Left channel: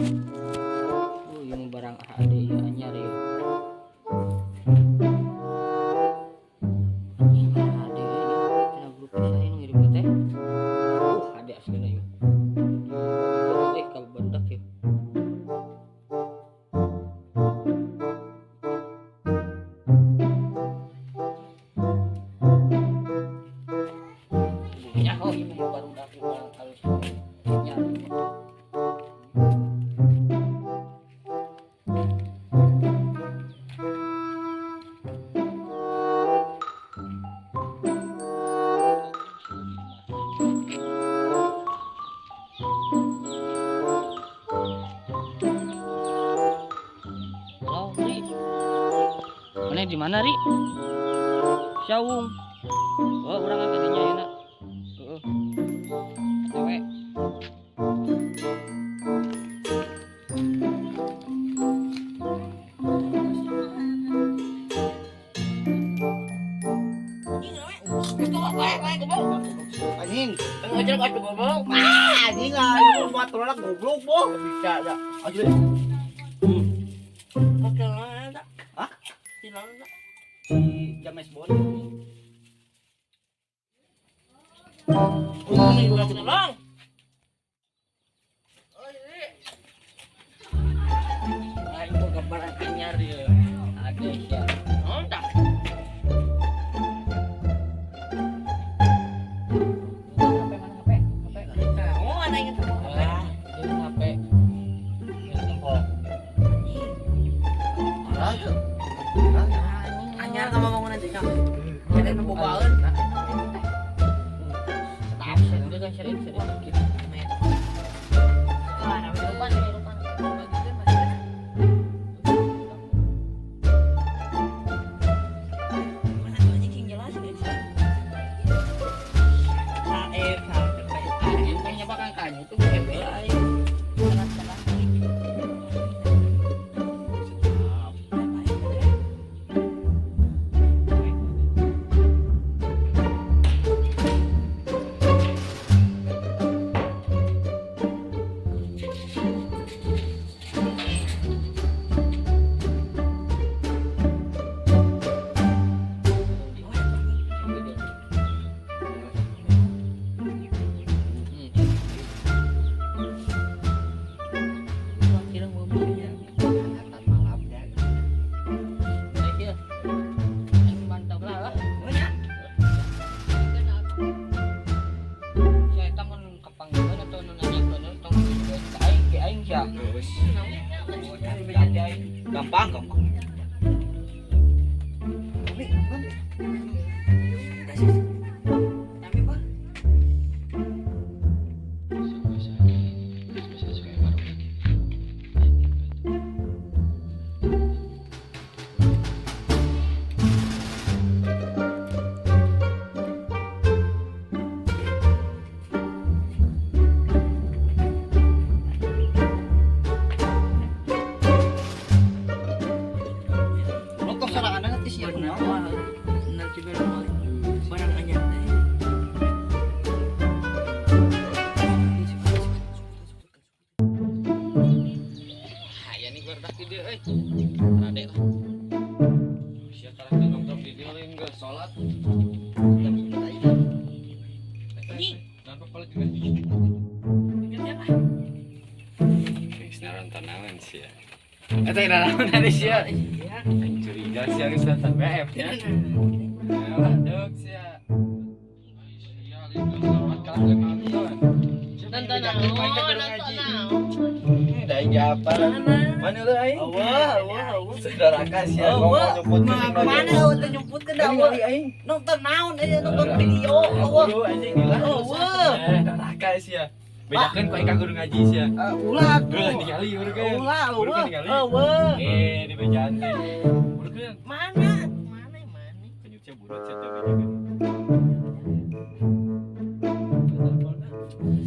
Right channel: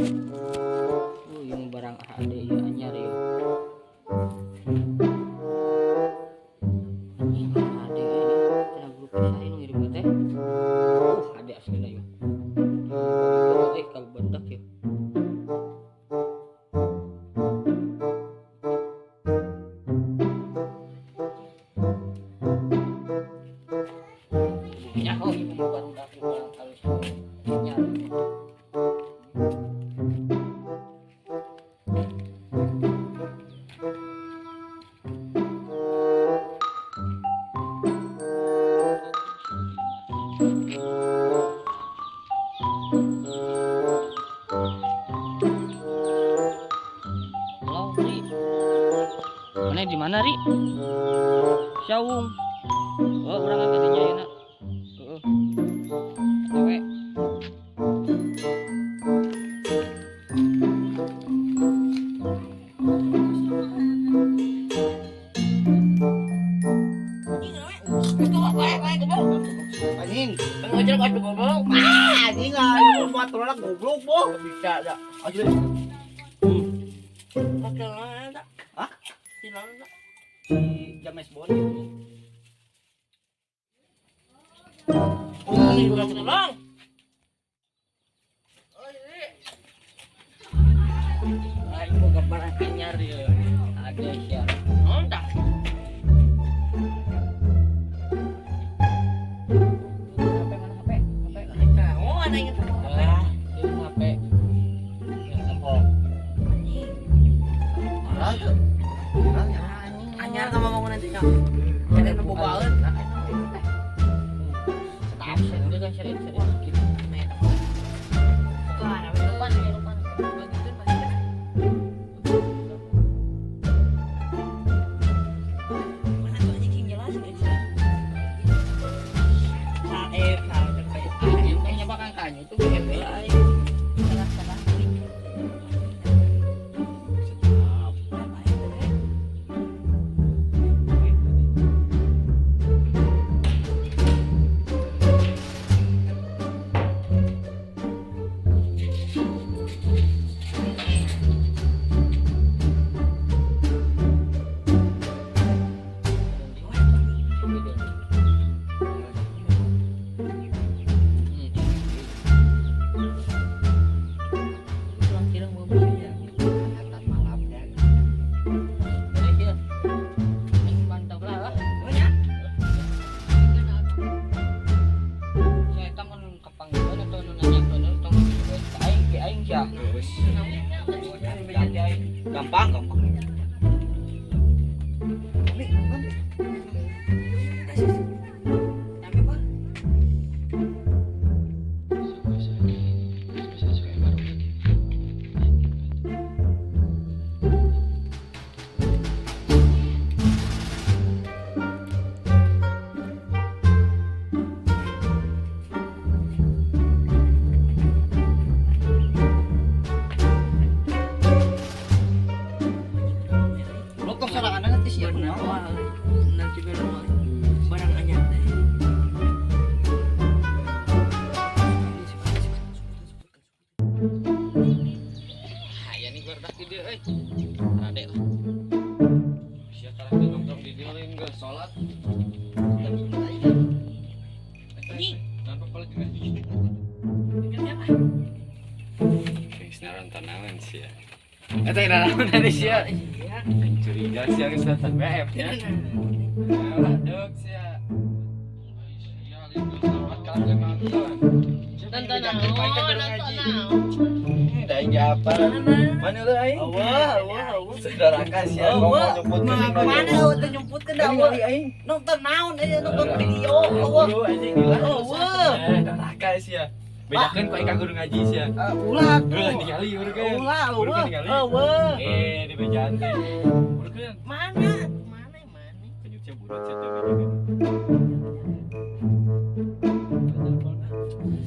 Yung barang ada ya anyar ya. Ada ya. Kena grup saya nu ngirim teh. Ada aslinya ya. Kalau bendak ya. Ya oh ini baru dak kalau nyari. Halo, Ri. Mana di mana, Ri? Syawung. Oh, urang angkat nya yeuna. Heeh. Awe. Anjing, Ngajar ka goblok. anjing ah, buat tolak goblok boh. Bisa ada. Aja. Oke lah, tak. Hah? Silang tak. Si James Bond. Ini bukan silang. Ayo mau gambar anyar ya. Ada ya. Oh, tak. HP mana HP? HP. Oh, ada yang sama HP. Ini HP. Yang tempol. Anyar sama bangunan cicak. Jadi nu bobaeun. Tahu sih, dia kan sering gitu. Wah, nama lupa. Bagikan. Mana tuh anjing jelas guys. Salah terkait. Yang nyebakan kanyu tuh BB aja. Salah. Gampang. Nanti belum barang anyar. Ya nih berdak di dia, Rade lah. Siapa lagi nongkrong di dia enggak sholat. Dan sholat aja. Ini kenapa kalau juga di sini? Siapa? Naran tanaman sih ya. Eta naon tadi sih ya? Yang curiga sih geus datang BF ya. Waduh sih ya. Iya, itu selamat kalian nonton. Nonton naon? Da aing apa? Mana lu aing? Wah. Saudara kasih ya ngomong nyebut Mana udah nyemputkeun da aing. nonton naon nonton video. Dulu anjing dilah. Wah. Saudara kasih ya. Bedakeun ku aing kudu ngaji sih ya. Ulah. Ulah ningali urang. Ulah. Wah. Di bejaan teh. Urang. Mana? Kenyutnya burut sih teh.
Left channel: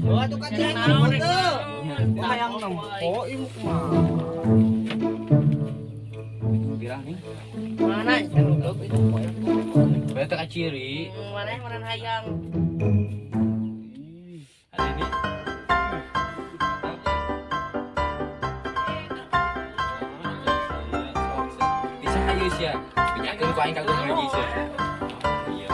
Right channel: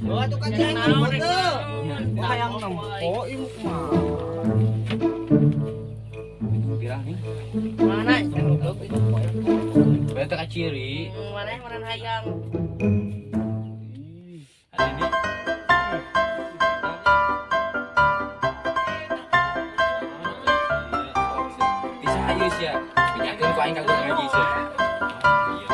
Oh, tuh kan jangan naon tuh. Wah, Yang nempo ieu mah. Pirang nih. Mana? Kan goblok itu. Beta ka ciri. Mana hayang. Ada ini. geus ya. Pinyakeun ku aing kagum ngaji sih. Iya.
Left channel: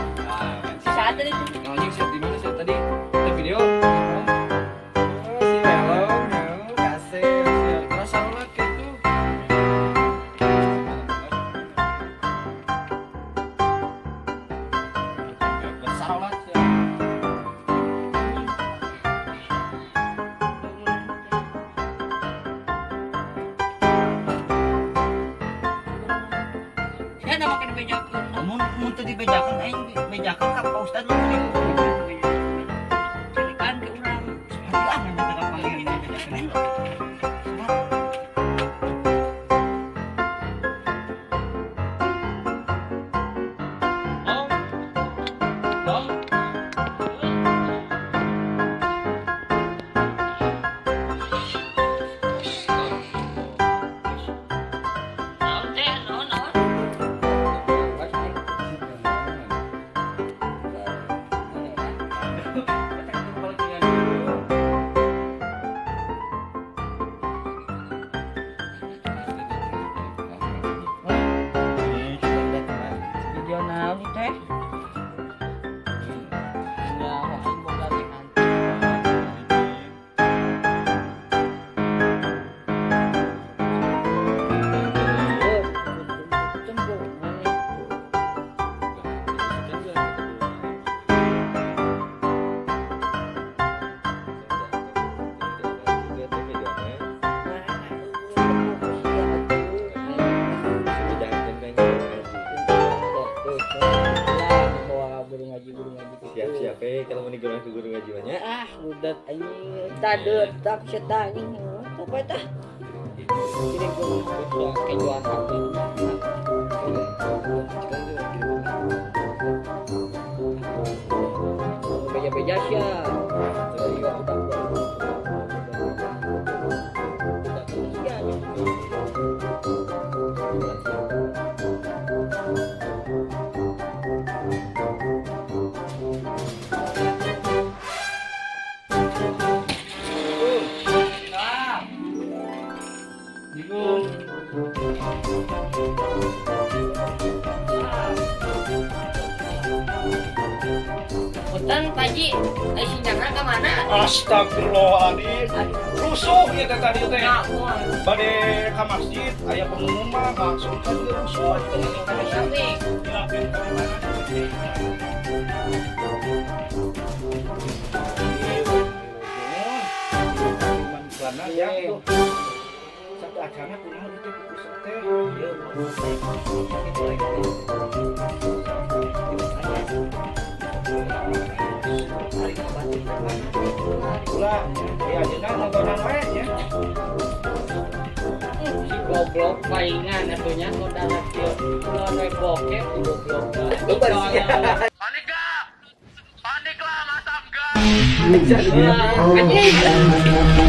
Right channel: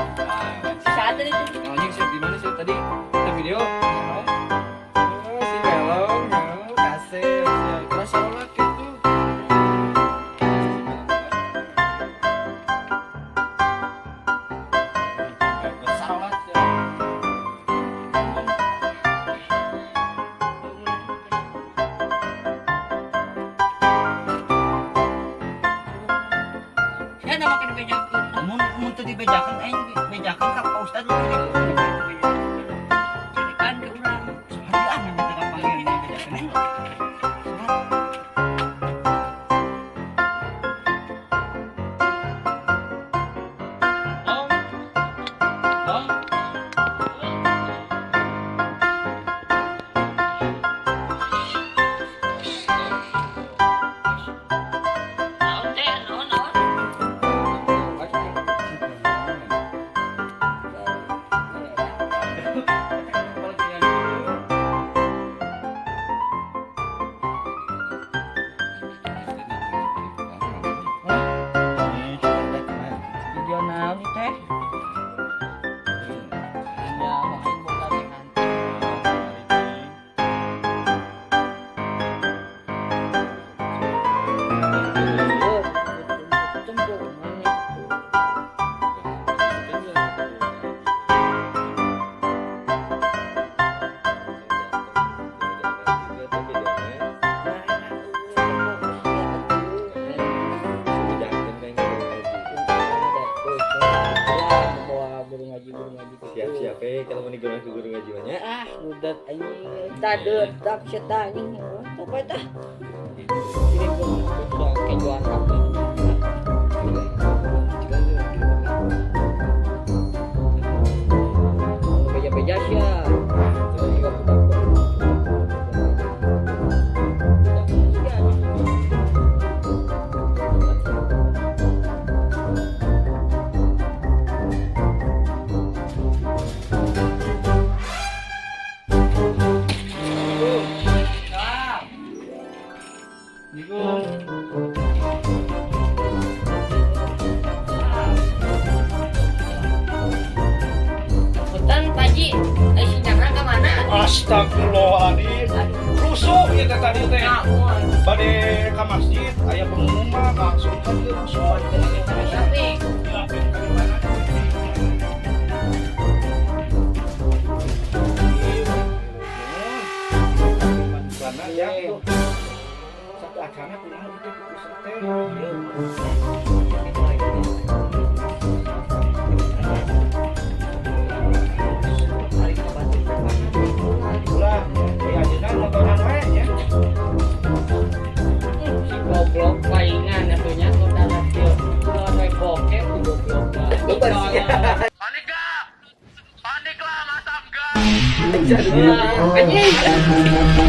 Si saat tadi tuh. Anjing sih di mana sih tadi? Kita video. Oh, si Melong, ya, kasih. Terus salat gitu. Salat ya. Saya nama kena bejakeun. Mun teu dibejakeun aing bejakeun ka Ustaz lu gitu. Cedekan ke urang. Hati aneh eta ka panggil bejakeun aing. Naon teh? Naon? Video naon ieu teh? Ya, aing boga rehan. Siap-siap kalau mau digoreng ke guru ngaji banyak. Ah, budak anjing. Tadeut tak setan anjing. Apa tah? Kirim ke mana? Kejuan apa? Beja-beja sia. Tuh juga budak. Hutan Paji, sinyalnya ke mana? Astagfirullahaladzim. Rusuh ieu teh tadi teh. Ngamun. Bade ka masjid aya pengumuman langsung kan dia rusuh. Tapi Dilakuin ka di mana? Karena ya tuh satu acara punya itu pusat teh. Ulah, ya ajeuna nontonan we ya. si goblok palingan atunya udah latihan. Kalau we bokep si goblok. Panik lah, masam gas. Anjing.